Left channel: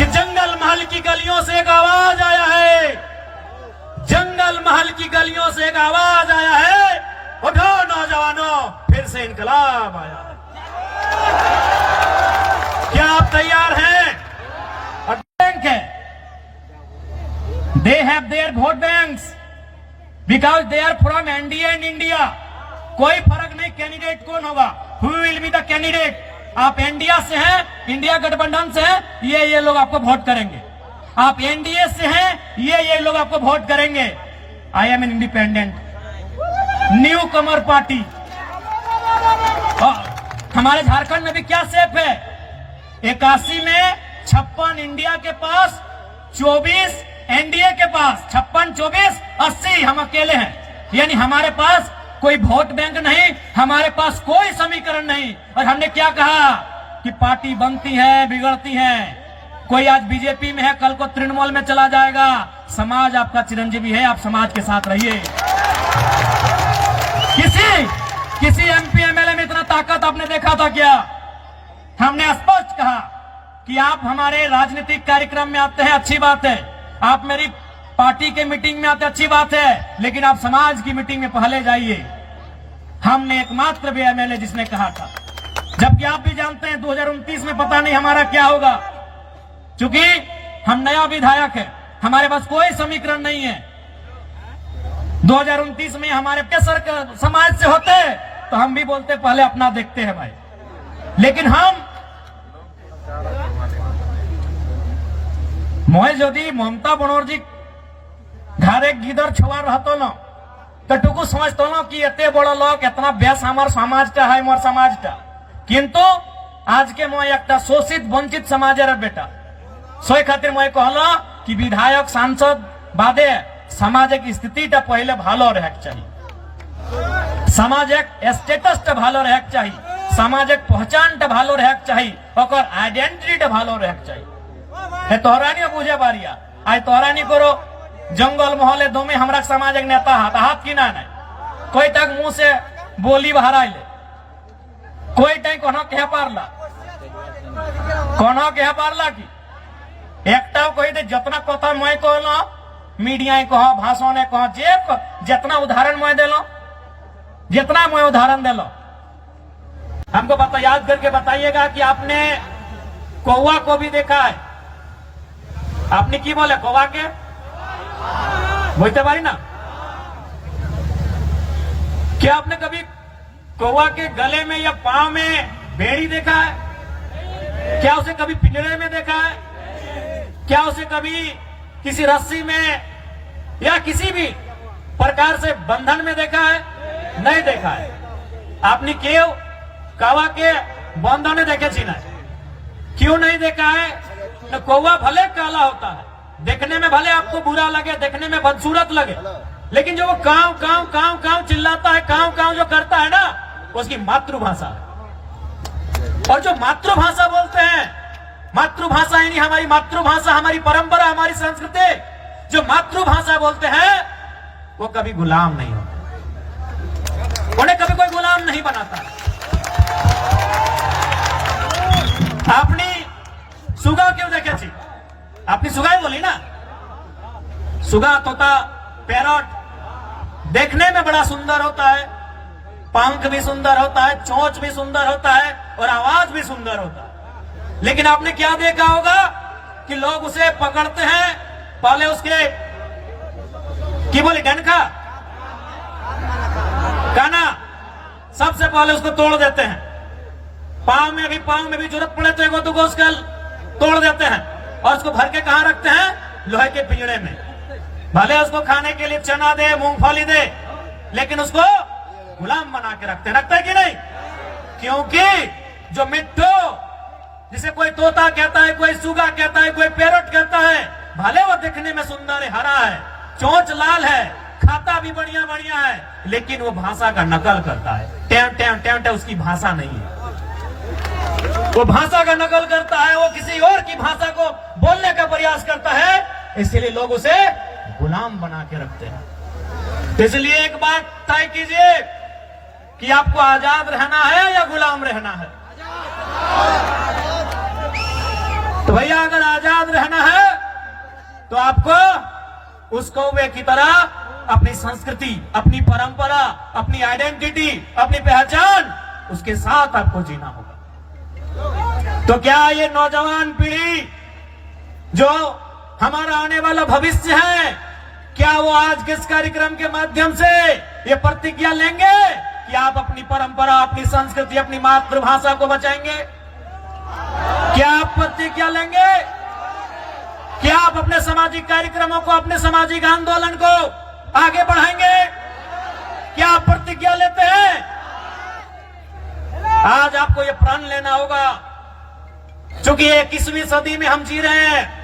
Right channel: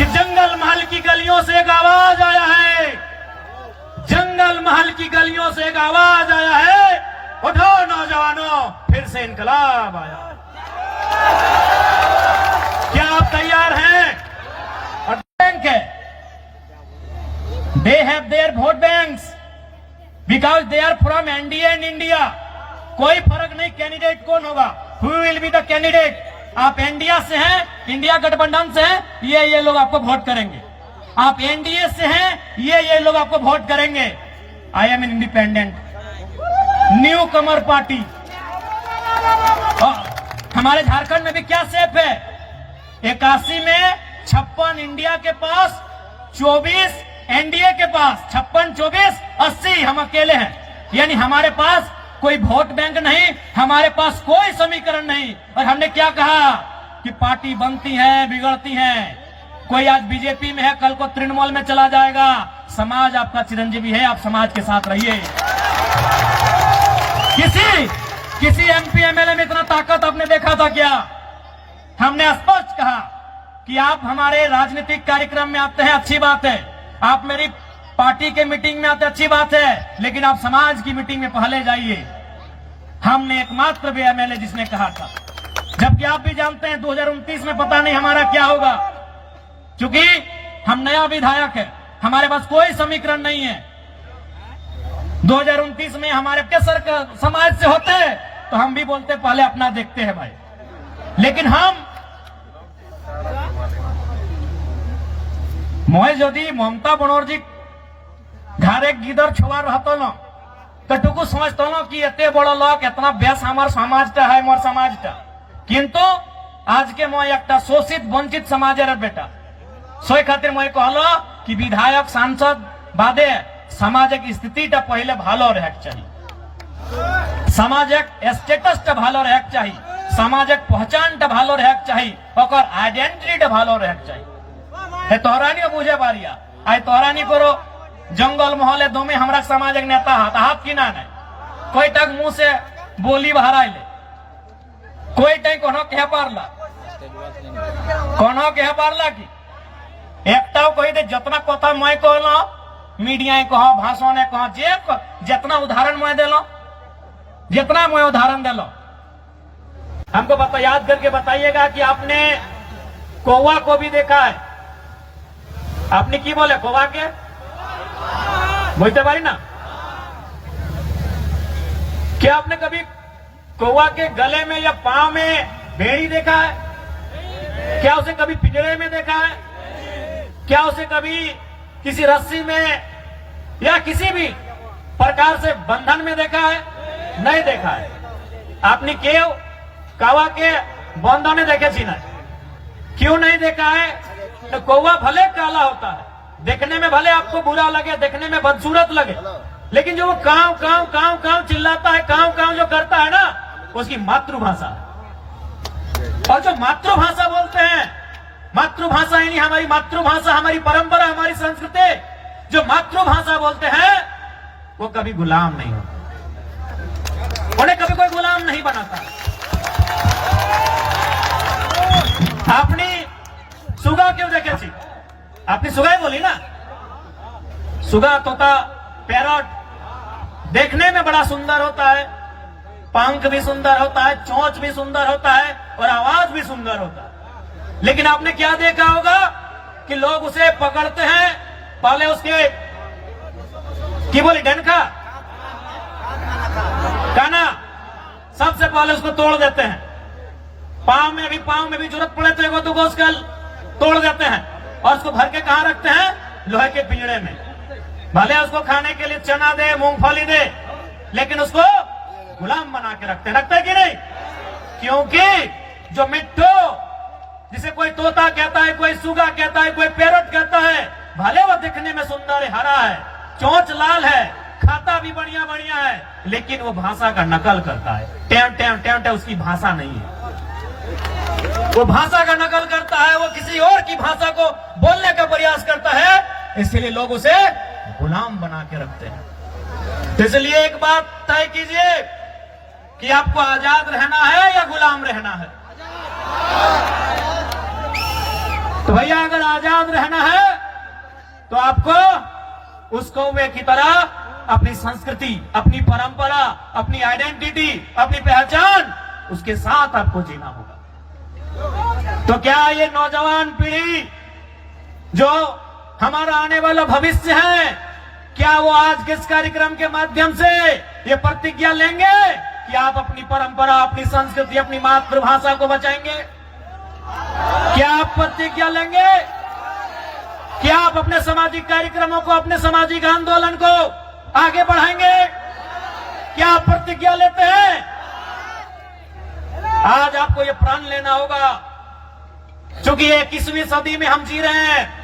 कि जंगल महल की गलियों से एक आवाज आया है, जंगल महल की गलियों से एक आवाज आया है, उठो नौजवानों फिर से इनकलाब आया। क्या आप तैयार हैं? और बैंक है, they have their vote banks because they are from NDA and India. कोई फर्क नहीं कैंडिडेट कौन होगा, who will be the candidate. आप इंडिया से हैं, इंडिया गठबंधन से हैं, ये लोग आपको वोट करेंगे। आप एनडीए से हैं, ये लोग आपको वोट करेंगे। I am an independent new Qamar party. हमारे झारखंड में भी क्या सेफ है, 81 में 56 इंडिया के पास, 24 एनडीए के पास, 56, 24, 80 हम अकेले हैं। यानी हमारे पास कोई वोट बैंक नहीं, हमारे पास कोई समीकरण नहीं। और हमने क्या कहा कि पार्टी बनती है बिगड़ती है। कोई आज बीजेपी में है, कल को तृणमूल में चला जाएगा। समाज आपका चिरंजीवी है, आप समाज के साथ रहिए। किसी एमपी एमएलए में इतना ताकत आपने देखा था क्या? हमने स्पष्ट कहा कि आप हमारे राजनीतिक कार्यक्रम में आते हैं, अच्छी बात है। आप मेरी पार्टी के मीटिंग में आते, अच्छी बात है, लेकिन आप समाज की मीटिंग में पहले जाइए। हमने एकमात्र भी एमएलए जिसने कहा था, जबकि आप भी जानते हैं 2029 में पता नहीं हमारा क्या होगा, क्योंकि हम नया विधायक है, हमारे पास कोई समीकरण नहीं है। 2029 में हमारे केसर समाज से होते तो हम भी बोलते पहले अपना देखते हैं भाई, लेकिन हम मैं यदि ममता बनर्जी घरे गिदर छुआ रहतो न तो टुकु समझतो न कि एते बड़ लोग एतना बेस हमार समाजटा है, मोर समाजटा। किंतु आज के मैं एक शोषित वंचित समाजेर बेटा सोई खातिर मैं कहलो कि विधायक सांसद बादे सामाजिक स्थितिटा पहले भालो रहे चाहिए, सामाजिक स्टेटसटा भालो रहे चाहिए, सामाजिक पहचानटा भालो रहे चाहिए, ओकर आइडेंटिटीटा भालो रहे चाहिए। तोहरा नहीं बुझे बारिया, आई तोहरा नहीं करो जंगल मोहल्ले दोमे हमरा सामाजिक नेता हाथ की ना कोई तक मुंह से बोली बहरा ले, कोई तक कह पारला की एकटा कही दे जितना कथा मैं कहलो मीडिया कह भाषण कह जे जितना उदाहरण मैं दिलो, जितना मैं उदाहरण दिलो, हमको बता याद करके बताइएगा कि आपने कौवा को भी देखा है। आपने की बोले कौवा के बोलते भाई ना, क्या आपने कभी कौवा के गले में या पांव में भेड़ी देखा है? क्या उसे कभी पिंजरे में देखा है? क्या उसे कभी किसी रस्सी में या किसी भी प्रकार से बंधन में देखा है? नहीं देखा है। आपने क्यों कौवा के बंधन देखे छी ना? क्यों नहीं देखा है? तो कौवा भले काला होता है, देखने में भले आपको बुरा लगे, देखने में बदसूरत लगे, लेकिन जो वो काव काव काव काव चिल्लाता है, काव काव जो करता है ना, उसकी मातृभाषा। और जो मातृभाषा बोलते हैं, मातृभाषा यानी हमारी मातृभाषा, हमारी परंपरा, हमारी संस्कृति, जो मातृभाषा बोलते हैं वो कभी गुलाम नहीं होता, उन्हें कभी कोई गुलाम नहीं बनाता। आपने सुगा क्यों देखे थी? आपने सुगा ही बोली ना, सुगा तोता पैरट देखने में बड़ा सुंदर होता है, पंख भी सुंदर होता है, चोंच भी सुंदर होता है और आवाज भी सुंदर होता है। लेकिन आपने क्या देखा होगा कि लोग उसे पकड़ते हैं, पहले उसके की बोली डंका काना सबसे पहले उसको तोड़ देते हैं, पांव में भी जरूरत पड़े तो एगो दुगो उसका तोड़ देते हैं और उसको भर के कहां रखते हैं? लोहे के पिंजरे में। भले उसको खाने के लिए चना दे, मूंगफली दे, लेकिन उसको गुलाम बना के रखते है कि नहीं? क्योंकि जो मिट्टू जिसे कोई तोता कहता है, कोई सुगा कहता है, कोई पैरट कहता है, भले वो दिखने में सुंदर है, हरा है, चोंच लाल है, खाता भी बढ़िया बढ़िया है, लेकिन वो भाषा का नकल करता है। टेम टेम टेम टेम उसकी भाषा नहीं है, वो भाषा का नकल करता है, वो किसी और की भाषा को बोलने का प्रयास करता है, इसलिए लोग उसे गुलाम बना के रखते हैं। तो इसलिए एक बात तय कीजिए कि आपको आजाद रहना है या गुलाम रहना है। तो भैया अगर आजाद तो आपको उस कौवे की तरह अपनी संस्कृति, अपनी परंपरा, अपनी आइडेंटिटी, अपनी पहचान, उसके साथ आपको जीना होगा। तो क्या ये नौजवान पीढ़ी जो हमारा आने वाला भविष्य है, क्या वो आज के इस कार्यक्रम के माध्यम से ये प्रतिज्ञा लेंगे कि आप अपनी परंपरा, अपनी संस्कृति, अपनी मातृभाषा को बचाएंगे? क्या आप प्रतिज्ञा लेंगे? क्या आप अपने सामाजिक कार्यक्रमों को, अपने सामाजिक आंदोलन को आगे बढ़ाएंगे? क्या आप प्रतिज्ञा लेते हैं? आज आपको ये प्रण लेना होगा, क्योंकि 21वीं सदी में हम जी रहे हैं।